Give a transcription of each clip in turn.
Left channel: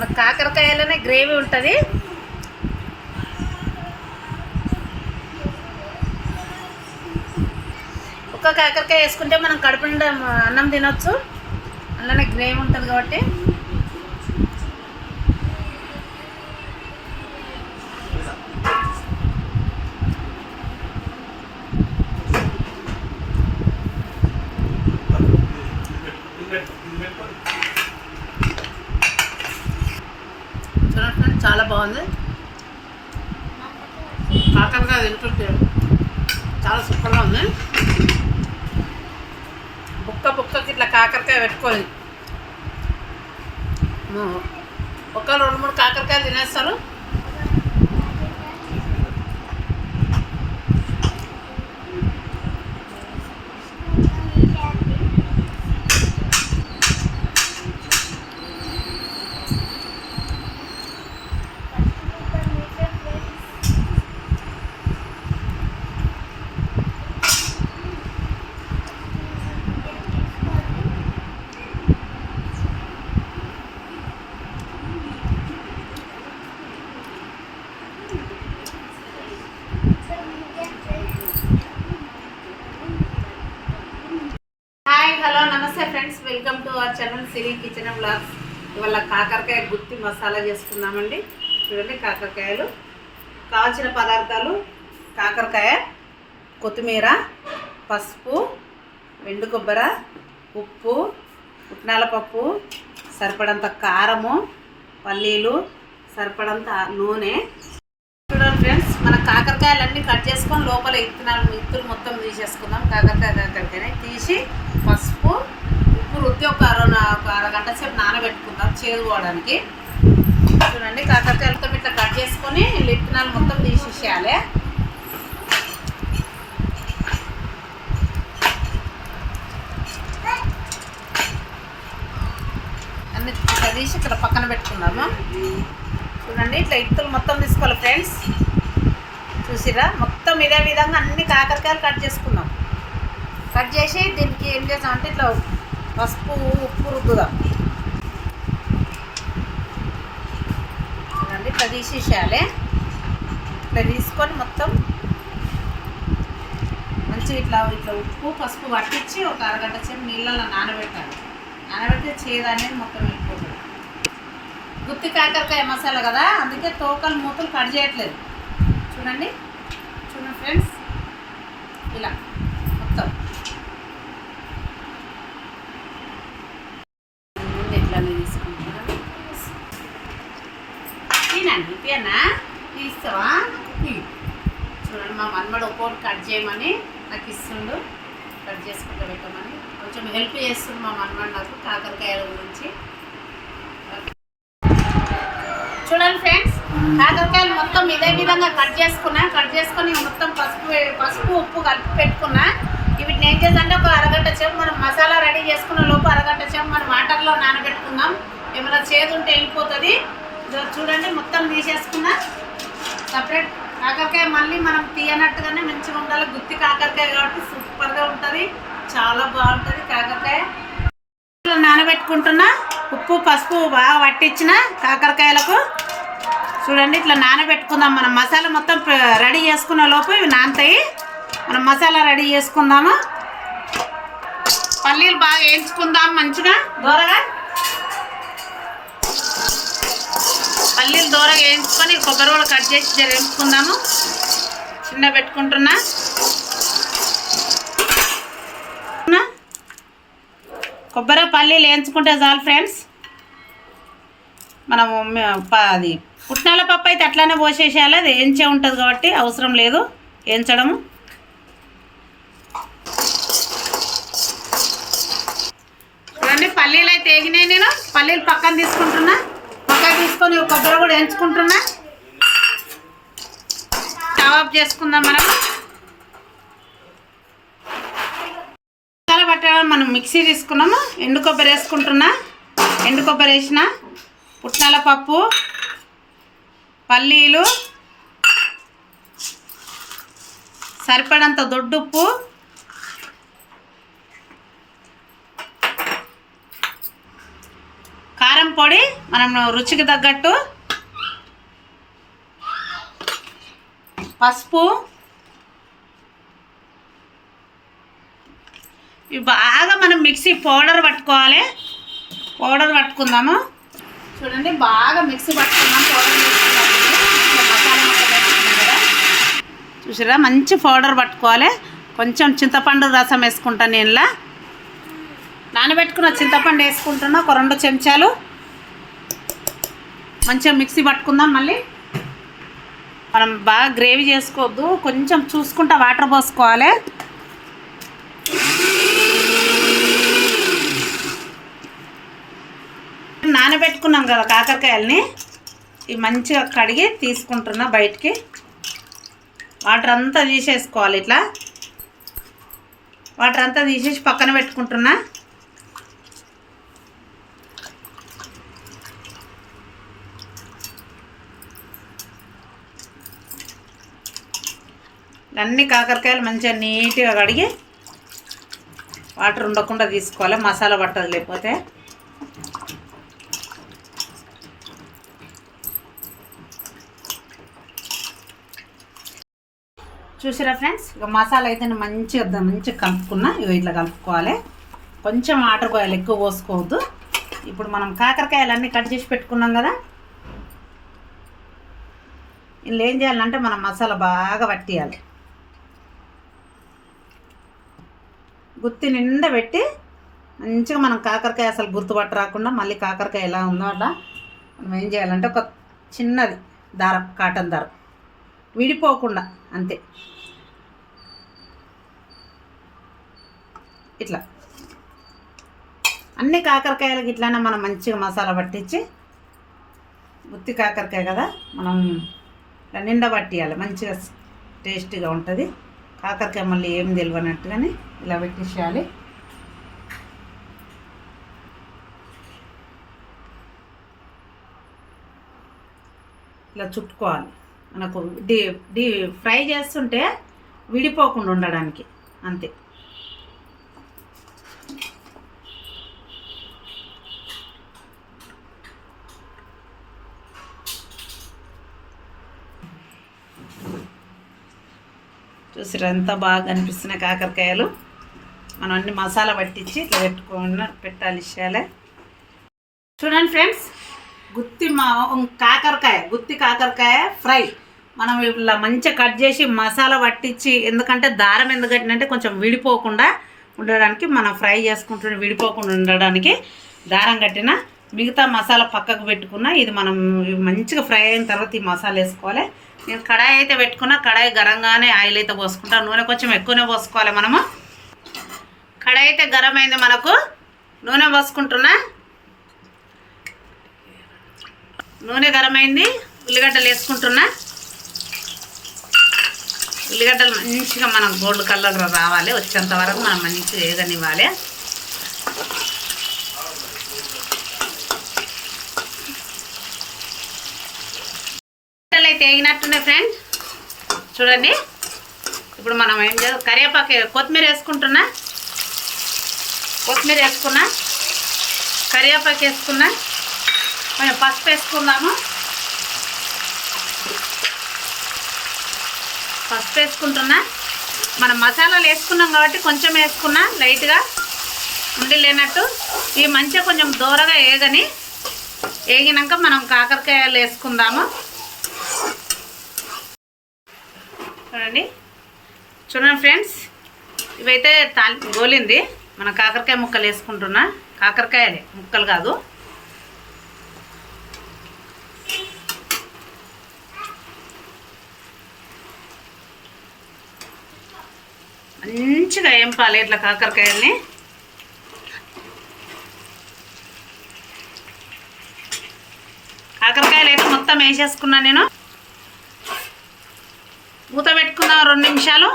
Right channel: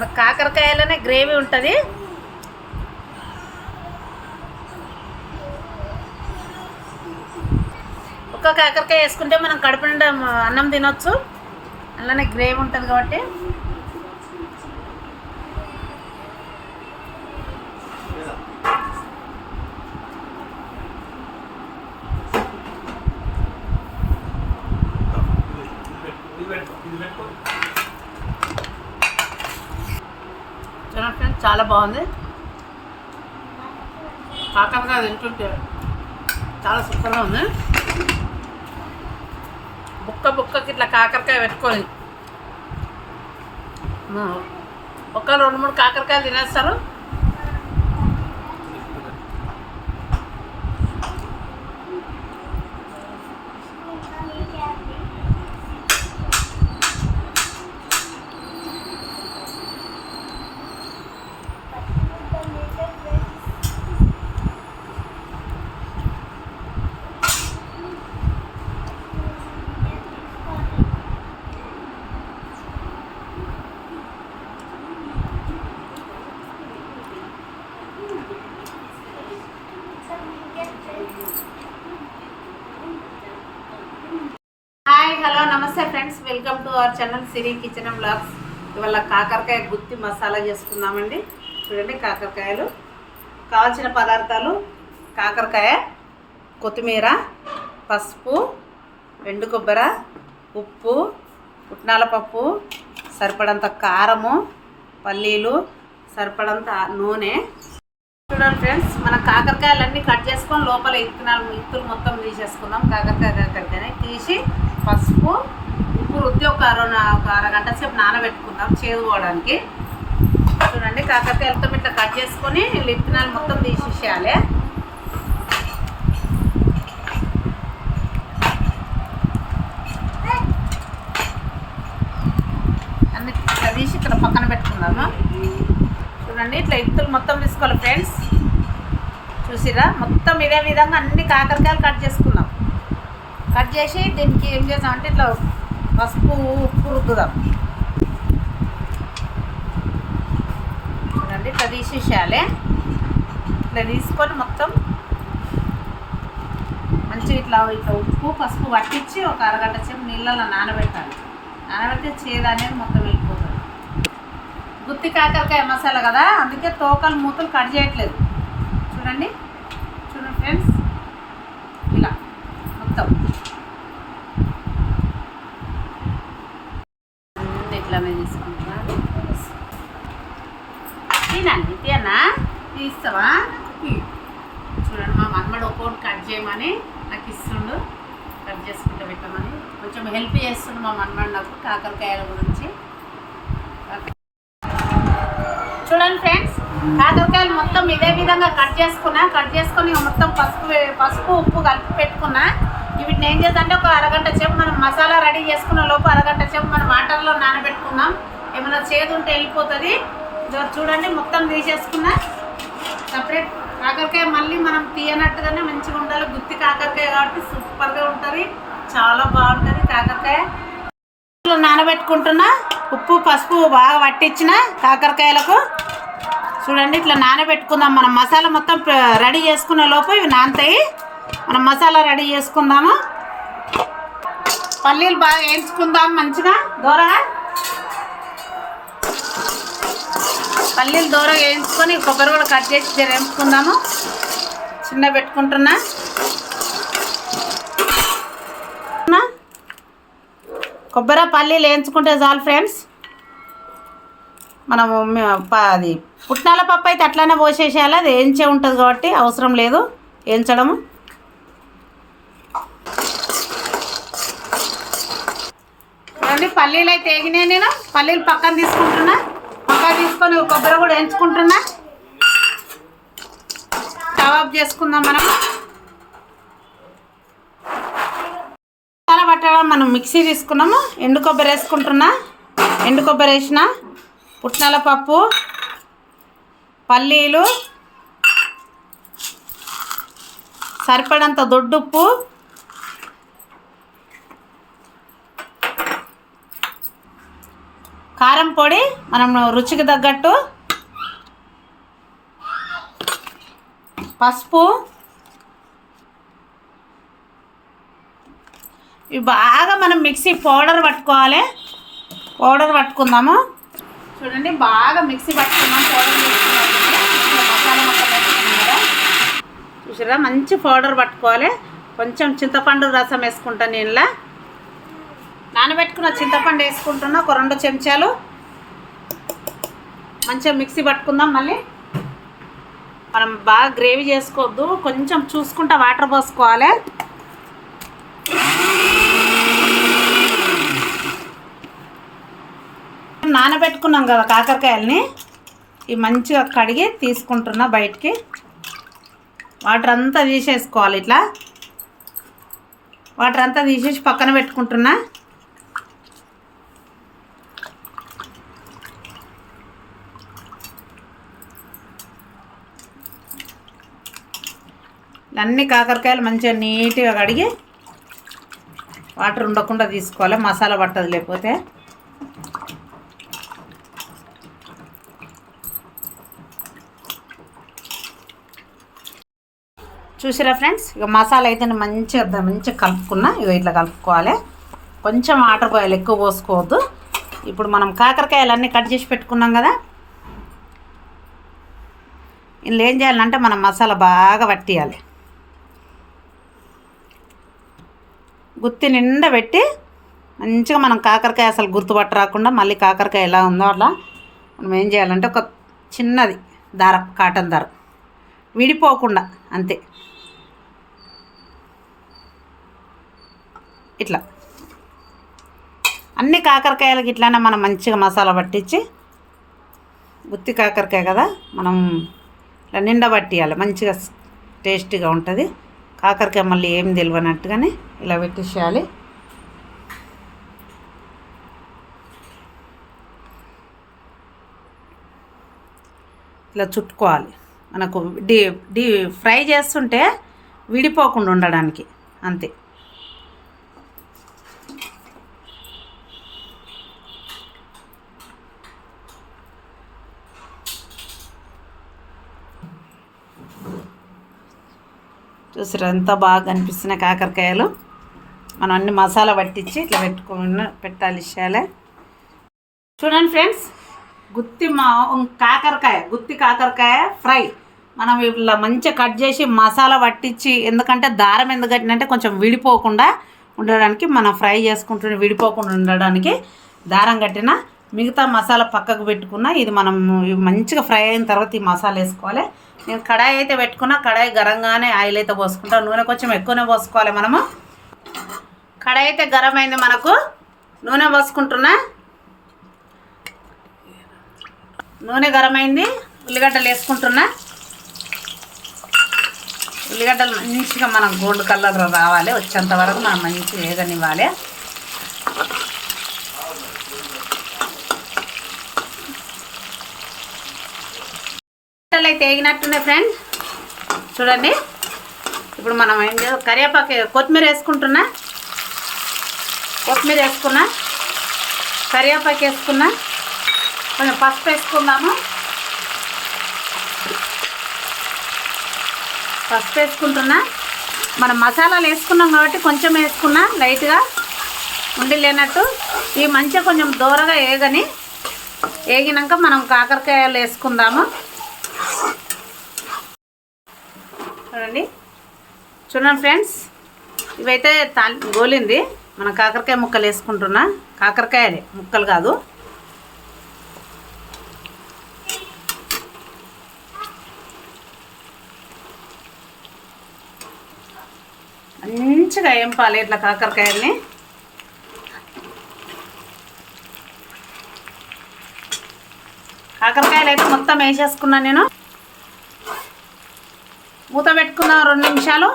మన కాకరకాయలోనే గ్రేవీ ఉంటుంది. ఒక్క కాకరకాయ వేసుకుంటే మనం కడుపు నిండా అన్నం తినొచ్చు. అందులోనే గ్రేవీ ఉంటుంది కాబట్టి. చూడండి ఫ్రెండ్స్ చాలా బాగుంది. కాకరకాయ తింటుంటే చాలా సూపర్గా ఉంది. బుక్క బుక్కకి ఇట్లా కాకరకాయ పెట్టుకొని. మ- ఒక రెండు మూడు కాకరకాయలు తినేస్తారు. Welcome to our channel Siri kitchen blogs ఇవాళ కాకరకాయ గుత్తి మసాలా చేసుకుందామండి. చూడండి కాకరకాయలు. కావాల్సిన పదార్థాలు కాకరకాయ కొత్తిమీర పసుపు ఎండు కొబ్బరి ఉప్పు పుట్నాల పప్పు సరిపడంత కారము పల్లీలు సరిపడంత నూనె. చూడండి ఫ్రెండ్స్ మన కాకరకాయలన్నీ కట్ చేసుకొని లోపల ఇత్తనాలు ఇత్తులు మొత్తం తీసేసుకుందాం. కాకరకాయ కాకరకాయని తీసి పసుపు రుద్ది ఒక అర ఒక అరగంట సేపు నానబెట్టుకుందాం చేదుకోవడానికి చూడండి కాకరకాయలతో ఇట్లా కట్ చేసుకొని వీళ్ళు మొత్తం తీసేసేయాలి. అన్ని ఇట్లా తీసి ఇక్కడ పక్కన పెట్టుకుందాము. చూడండి ఇట్లా ఇత్తులు మొత్తం తీసుకోవాలి ఫ్రెండ్స్. చూసిరా? మొత్తం ఇదే విధంగా అన్ని కాకరకాయలు కట్ చేసుకుందాం. కట్ చేసి దీనికి ఏం చేద్దాం అంటే ఇట్లా పసుపు ఉప్పు రుద్దుదాం. చూడండి ఇట్లా తీసేసేయాలి. ఇట్లా తీసుకొని మొత్తం మంచిగా ఇట్లా ఇట్లా ఉప్పు పసుపు పట్టించి ఒక అరగంట సేపు నీళ్ళలో నానబెట్టాలి. నానబెడితే చేదు అనేది మొత్తం వెళ్ళిపోతుంది. గుత్తి కాకరకాయ మసాలా కదా అందుకే తోకలు మూతలు కట్ చేయట్లేదు. చూడండి చూడండి ఫ్రెండ్స్. ఇలా మొత్తం అన్నీ ఇట్లానే తీసుకుంటున్నా తినండి తీస్తావా? చూడండి మా మనమడు ఒక్కోటి కట్ చేయమని నాకు ఇస్తుండు. కట్ చేసుకుంటూ పెట్టమని. కొంచెం హెల్ప్ చేస్తుండు మా మనమడు నాకు కాకరకాయల గురించి. చూడండి ఫ్రెండ్స్ కాకరకాయలు మొత్తం ఇదే విధంగా కట్ చేసుకున్నా కట్ చేసుకొని మొత్తం పసుపు పసుపు ఉప్పు కలిపి పెట్టుకున్నా వీటిని ఏం చేద్దంటే ఒక అరగంట సేపు మనం మసాలా రెడీ చేసుకున్న లోపు అరగంట సేపు మనం వాటర్లో నానబెట్టుకుందాం. ఏమైనా చేదు ఉంటే వెళ్ళిపోతుంది. చూడండి మొత్తం తీసేసుకున్నా. సపరేట్ కాకరకాయ మళ్ళీ మనం తీయనట్టుగానే మంచిగా ఉండాలి. గుత్తి కాకరకాయ కాబట్టి సూపర్గా ఉంటుంది. చాలా బాగుంటుంది కాకరకాయ. నానబెట్టుకుంటున్నా. ఉప్పు పసుపు బాగా పట్టించిన కాకరకాయలకు. చూడండి ఇట్లా నానబెట్టుకుందాం మనం. మసాలా మొత్తం రెడీ చేసుకునే లోపు ఇవి నానతాయి. మనం మసాలా రెడీ చేసుకుందాము. పల్లీలు బాగా వేయించుకుందాం మంచిగా. దూరగా? పల్లీలు దూరం వేయించుకొని కొబ్బరి కూడా కట్ చేసి జర చిన్న పెట్టుకుంటున్నా. కొబ్బరి పల్లీలు వేయించుకుంటే చాలు ఫ్రెండ్స్. మనం అది పుట్నాల పప్పు అయితే అట్లనే పోసేసేయాలి. అది వేయించే ఉంటుంది కాబట్టి అవసరం లేదు. వేయించడము. చూడండి పల్లీలు అయితే వేగినాయి నేను. పల్లీలు పక్కన తీసుకుంటున్నా. పక్కన తీసుకొని కొబ్బరి కూడా వేయించుకుంటున్నా స్టవ్ చేసుకుందాం మనం. మసాలా పట్టడం మనం మిక్సీ తీసుకున్నాము. ఎండు కొబ్బరి వేసుకుంటున్నా. ఎండు కొబ్బరి వేసిన పుట్నాల పప్పు పల్లీలు సరిపడంత దొడ్డుప్పు కారం పొడి మనం రుచికి తగ్గట్టు పసుపు. ఇవి బాగా మనం మిక్సీ పౌడర్ పట్టుకోవాలి. పౌడర్ పట్టుకుందాము. చూడండి బాగా మిక్సీ పట్టుకున్నాం పౌడర్ చేసుకున్నాం మసాలా మొత్తం వేసుకున్నాం కదా. చూసారా మంచి పౌడర్ పట్టుకోవాలి. కొంచెం చింతపండు రసం వేసుకుంటాను నేను నానబెట్టుకున్న చింతపండు వేసుకుంటున్నా ఒక రెండు చెంచాలు. మంచిగా మిక్సీ పట్టుకుందాం మళ్ళీ. మనం బాగా గ్రేవీ చేసుకోవద్దు కొంచెం చూసుకుంటా వాటర్ పోసుకోవాలి. నానబెట్టుకున్నాం కదా కాకరకాయలని ఇవి మంచిగా కడిగి తీసుకుంటున్నా బయటికి. వాటర్ అంతా తీసేసుకోవాలి ఇట్లా. వాటర్ అంతా తీసేసి పక్కన పెట్టుకుంటున్నా. అన్ని కాకరకాయలు మంచిగా నీట్గా కడిగి వాటర్ ఉండకుండా తీసుకోవాలి మసాలా పట్టదు లేకపోతే. చూసిరా ఫ్రెండ్స్? ఇక మసాలా అయితే నేను మంచిగా మంచిగా కలుపుకున్నా ఇక ఇట్లా కలుపుకోవాలి. కొంచెం వాటర్ పోయాలి ఎక్కువ పోసుకోవద్దు. ఇప్పుడు మనం కాకరకాయలు అన్నీ కట్ చేసి పెట్టుకున్నాం కదా. ఇందులో ఏం చేయాలంటే మనం మసాలా బాగా పట్టియాలి గుత్తి నిండా పెట్టి మంచిగా మనం కాకరకాయ అసలు గుర్తుపట్ట రాకుండా మళ్ళీ కాకరకాయ ఎలా ఉందో అట్లా మనం ఏం చేయాలంటే ఒక చిన్నది దారం కాటన్ దారం. విడిపోకుండా అంతే. ఇట్లా. అన్ని కాకరకాయలకి ఇట్లానే మనం మంచిగా మసాలా పట్టించి గుత్తి కాకరకాయ కదా మనం ఇట్లా నిండా పట్టియాలి. మంచిగా టేస్టీగా ఉంటుంది. కాకరకాయ మళ్ళీ ఏం తెలియనట్టుగానే ఇలా పెట్టేసేయాలి. ఇలా చుట్టుకోవాలి. మనకు డీ డీ ఫ్రై చేస్తుంటే విడిపోకుండా ఉండడానికి. అంతే. చూసారు ఎంత బాగా కనిపిస్తున్నాయి కాకరకాయలు? మనం అన్ని మసాలా పట్టించి ఇట్లా పెట్టుకున్న పెట్టాలి ఇష్టాలే. చూడండి ఫ్రెండ్స్ గుత్తి మా కాకరకాయ గుత్తి కాకరకాయ ఫ్రై. మనం ఇట్లా మంచిగా కట్ చేసి మసాలా పట్టించి ఎందుకంటే దారం ఎందుకు కట్టినంటే కొంచెం విడిపోకుండా ఉండడానికి మనం ఫ్రై చేసుకుంటున్న విడిపోకుండా ఉండడానికి దారం కట్టిన మిగతా మసాలా పక్కకు పెట్టుకున్న ఇది మనం మంచిగా ఫ్రై అయిన తర్వాత ఈ మసాలా వేసుకోవాలి. నేను కడాయి అయితే పెట్టుకున్నా కడాయి గరంగానే ఆయిల్ అయితే పోసుకుంటా. నూనె కొంచెం ఎక్కువనే పోసుకోవాలి మనము. కడాయి అయితే గరం అయింది మనకు. నూనె పోసుకుంటున్నా. నూనె గరమైంది. ఉల్లిగడ్డలు వేసుకుంటున్నా. ఉల్లిగడ్డలు మంచిగా మనం గోల్డ్ కలర్ రావాలి. వచ్చేంత వరకు మనం మంచిగా వేగనివ్వాలి. ఉల్లిగడ్డలు అయితే వేగినట్టున్నాయి ఫ్రెండ్ చూడండి. ఇప్పుడు మనం ఏం చేయాలి? కరివేపాకు కొత్తిమీర వేసుకుంటున్నా. కొత్తిమీర వేసుకున్నా కరివేపాకు వేసుకున్నా కొంచెం పసుపు వేసుకుందాము? పసుపు వేసుకుంటున్నా. మనం మసాలాలు వేసుకున్నాం కాబట్టి కొంచెం వేసుకున్నా లైట్గా ఉండి లేనట్టు. ఇవి మంచిగా కొంచెం దూరగా వేగని వేగినాక మనం కాకరకాయలు వేసుకుందాము. చూడండి. చూడండి ఫ్రెండ్స్ ఇవైతే తాలి గోలింది. మన కాకరకాయ ముక్కలు వేసుకుంటున్నా. కాకరకాయలే ముక్కలు కాదు. మంచిగా ఎంపాలి ఇట్లా కాకరకాయల్ని. కాకరకాయలు అయితే మొత్తం వేసేసుకున్నాను నేను. మూత పెట్టుకున్నాం రెండు నిమిషాలు.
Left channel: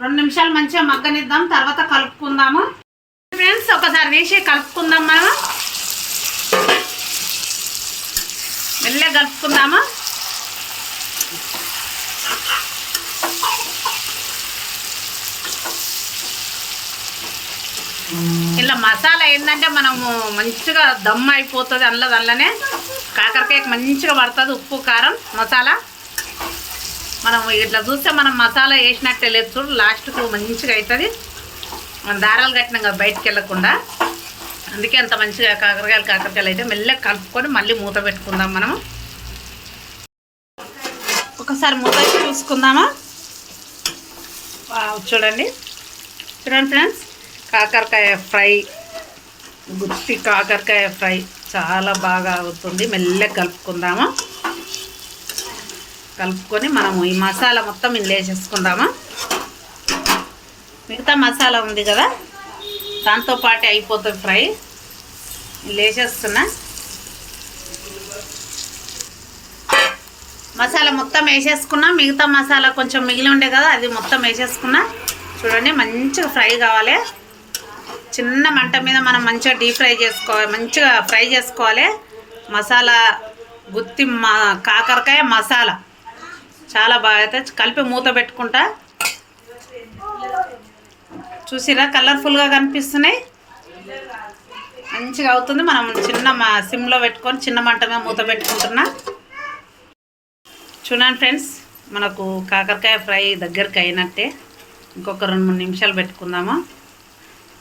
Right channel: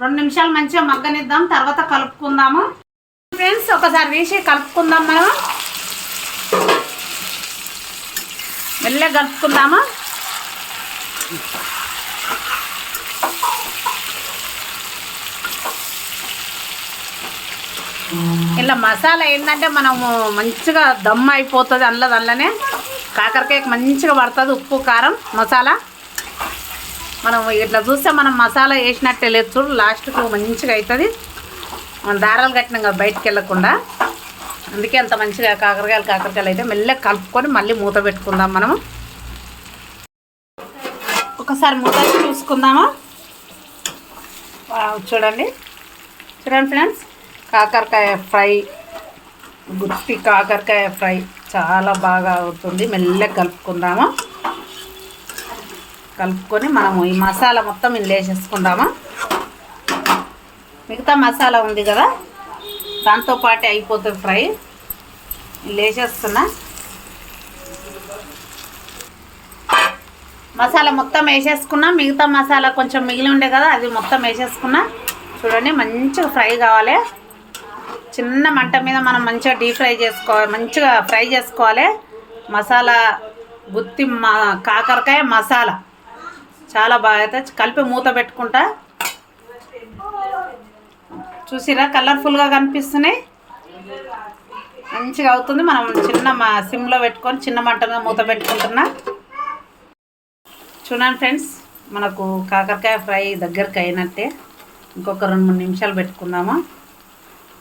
రెండు నిమిషాలు మంచిగా మగ్గనిద్దాం తర్వాత కలుపుకుందాము. ఫ్రెండ్స్ ఒకసారి తీసి కలుపుకుందాం మనం. మెల్లగా కలుపుకుందాము. ఇలా మసాలా ఏంటంటే మనము మంచిగా దమ్ అయిపోతుంది అందులో దానిలోనే కాకరకాయకి మంచిగా పడుతుంది ఉప్పు కారం మసాలా. మనం ఇట్లా చూస్తే మనం మసాలా వేసినట్టే లేదు చూడు లాస్ట్కు మంచిగా అవుతుంది మనం దారాలు కట్టినాం కదా బయటకు వెళ్ళకుండా. అందుకే అంత మంచిగా కాకరకాయలు కాకరకాయలు అయితే మెల్లగా కలుపుకొని మళ్ళీ మూత పెట్టుకుందాం మనం ఒకసారి మూత వేసి చూసుకుందామా? చూడండి. చూడండి ఫ్రెండ్స్ కాకరకాయ ఫ్రై గుత్తి కాకరకాయ ఫ్రై చాలా బాగా అవుతుంది. మెల్లగా కలుపుకుందామా? కలుపుకొని మనము ఈ మసాలా మొత్తం ఇందులో వేసేసుకుందాము? మిగతా మసాలా ఉంది కదా? దాంతో పాటే అయిపోతుంది ఫ్రై. ఇందులో మసాలా మొత్తం వేసేసుకున్నా. మిగతా మసాలా కొంచెం మిగిలి ఉండే కదా అది మొత్తం వేసేసుకున్నా. చూడండి మంచిగా ఫ్రై కావాలి. చిన్న మంట మీద మనం మంచిగా డీప్ ఫ్రై చేసుకోవాలి మంచిగా ఫ్రై చేసుకోవాలి. మసాలా గుత్తి మా కాకరకాయ మసాలా. చాలా బాగా అయితే కలిపి మూత పెట్టుకుంటా. చూసిరా కలర్ఫుల్గా కనిపిస్తున్నాయి. మంచిగా అవుతుంది. మనం చిన్న మా సిమ్లో పెట్టుకొని చిన్న మంటగా మూత పెట్టుకుంటున్నా. చూడండి ఫ్రెండ్స్ మనకు కాకరకాయ ఫ్రై దగ్గరికి అయినట్టే. ఇంకొక రెండు మూడు నిమిషాలు పెట్టుకుందామా.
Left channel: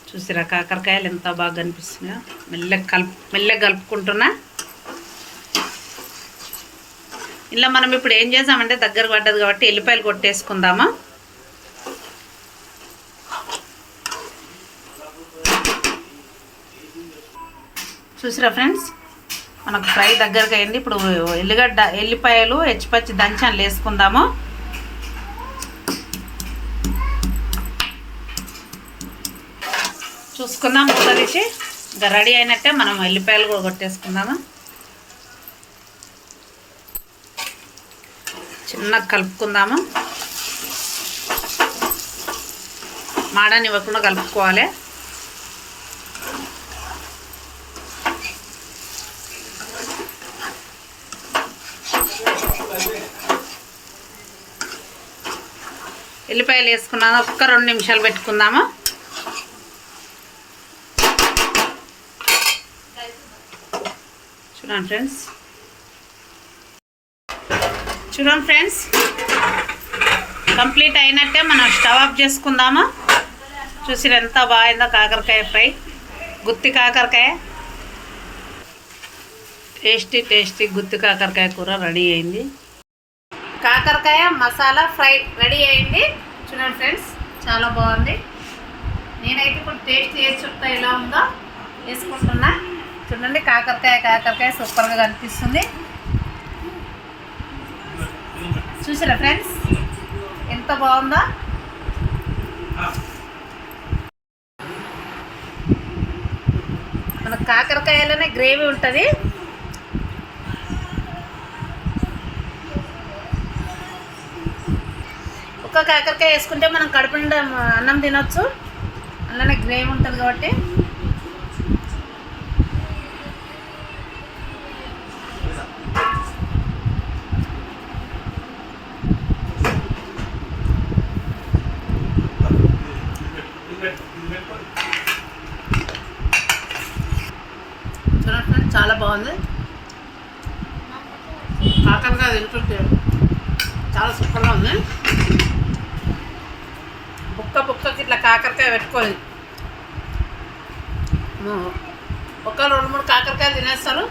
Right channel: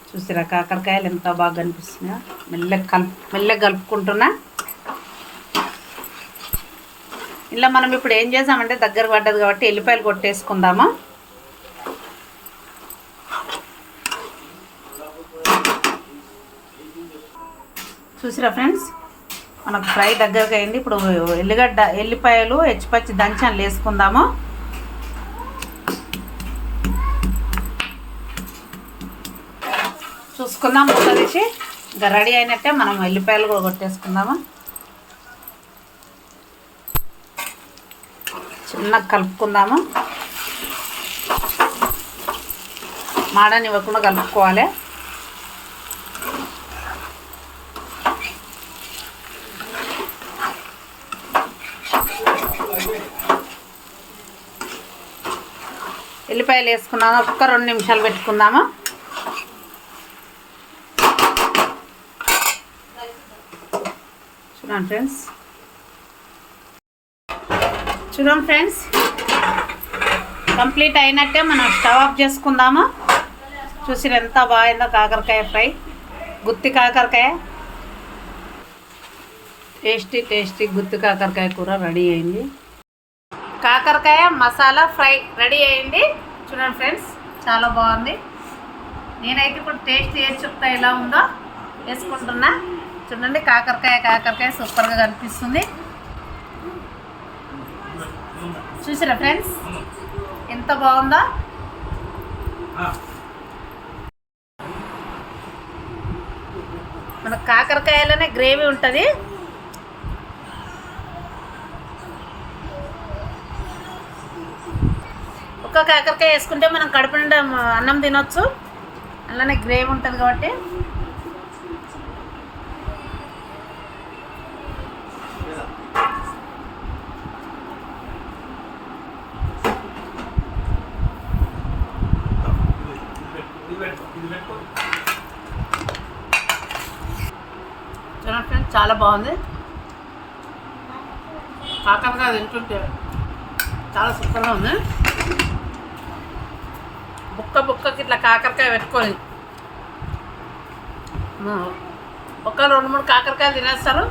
చూసిరా కాకరకాయలు ఎంత బాగా కనిపిస్తున్నాయో. మెల్లగా కలుపు మెల్లగా కలుపుకుంటున్నా. ఇలా మనం ఇప్పుడు ఏం చేసామంటే దగ్గర పడ్డది కాబట్టి ఎల్లిపాయలు కొట్టేసుకుందామా? చూసిరా ఫ్రెండ్స్? మనకు ఫ్రై దగ్గరకు అయింది ఇప్పుడు ఎల్లిగడ్డ ఎల్లిపాయలు హెచ్చిపచ్చి దంచాలు వేసుకుందాము. చూసుకుందాం మూత తీసి ఇంకా రెడీ అయినట్టే మనం ఎల్లిపాయలు కూడా కొట్టేసుకుందామా? చిన్నగా కలుపుకుందాము. మాడనివ్వకుండా కలుపుకోవాలి. ఎల్లిపాయలు వేసుకున్నాము ఒక్క రెండు నిమిషాలు పెట్టుకుందాము. చూడండి ఫ్రెండ్స్. చూడండి ఫ్రెండ్స్. కంప్లీట్ అయినట్టే మనం స్టవ్ ఆఫ్ చేసుకుందామా. చూసి ఎంత బాగుందో కాకరకాయ ఫ్రై. గుత్తి కాకరకాయ. టేస్టీ టేస్టీ గుత్తి కాకరకాయ కూర రెడీ అయింది. కాకరకాయ మసాలా ఫ్రై రెడీ అయింది. చూడండి ఫ్రెండ్స్ చాలా బాగుంది. నేనైతే ఇప్పుడు టేస్ట్ చేసి చెప్తా ఎలా ఉందో. వేసుకుంటున్నా. చూడండి కాకరకాయ కాకరకాయ సూపర్గా కనిపిస్తుంది. చూసారా ఫ్రెండ్స్? ఎంత బాగుందో? మన కాకరకాయలోనే గ్రేవీ ఉంటుంది. ఒక్క కాకరకాయ వేసుకుంటే మనం కడుపు అన్నం తినొచ్చు. అలానే గ్రేవీ ఉంటుంది కాబట్టి. తినటం చాలా బాగుంది. కాకరకాయ తింటుంటే చాలా సూపర్గా ఉంది. బుక్క బుక్కకి ఇట్లా కాకరకాయ పెట్టుకొని ము- ఒక రెండు మూడు కాకరకాయలు తినేస్తారు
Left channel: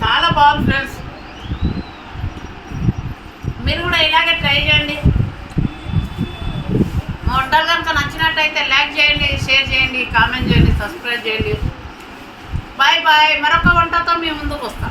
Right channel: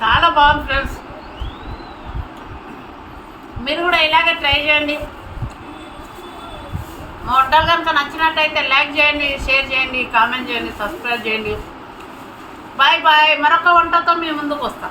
చాలా బాగుంది ఫ్రెండ్స్. మీరు కూడా ఇలాగే ట్రై చేయండి. మా వంటలు కనుక నచ్చినట్టయితే లైక్ చేయండి షేర్ చేయండి కామెంట్ చేయండి సబ్స్క్రైబ్ చేయండి. Bye bye. మరొక వంటతో మీ ముందుకు వస్తాం.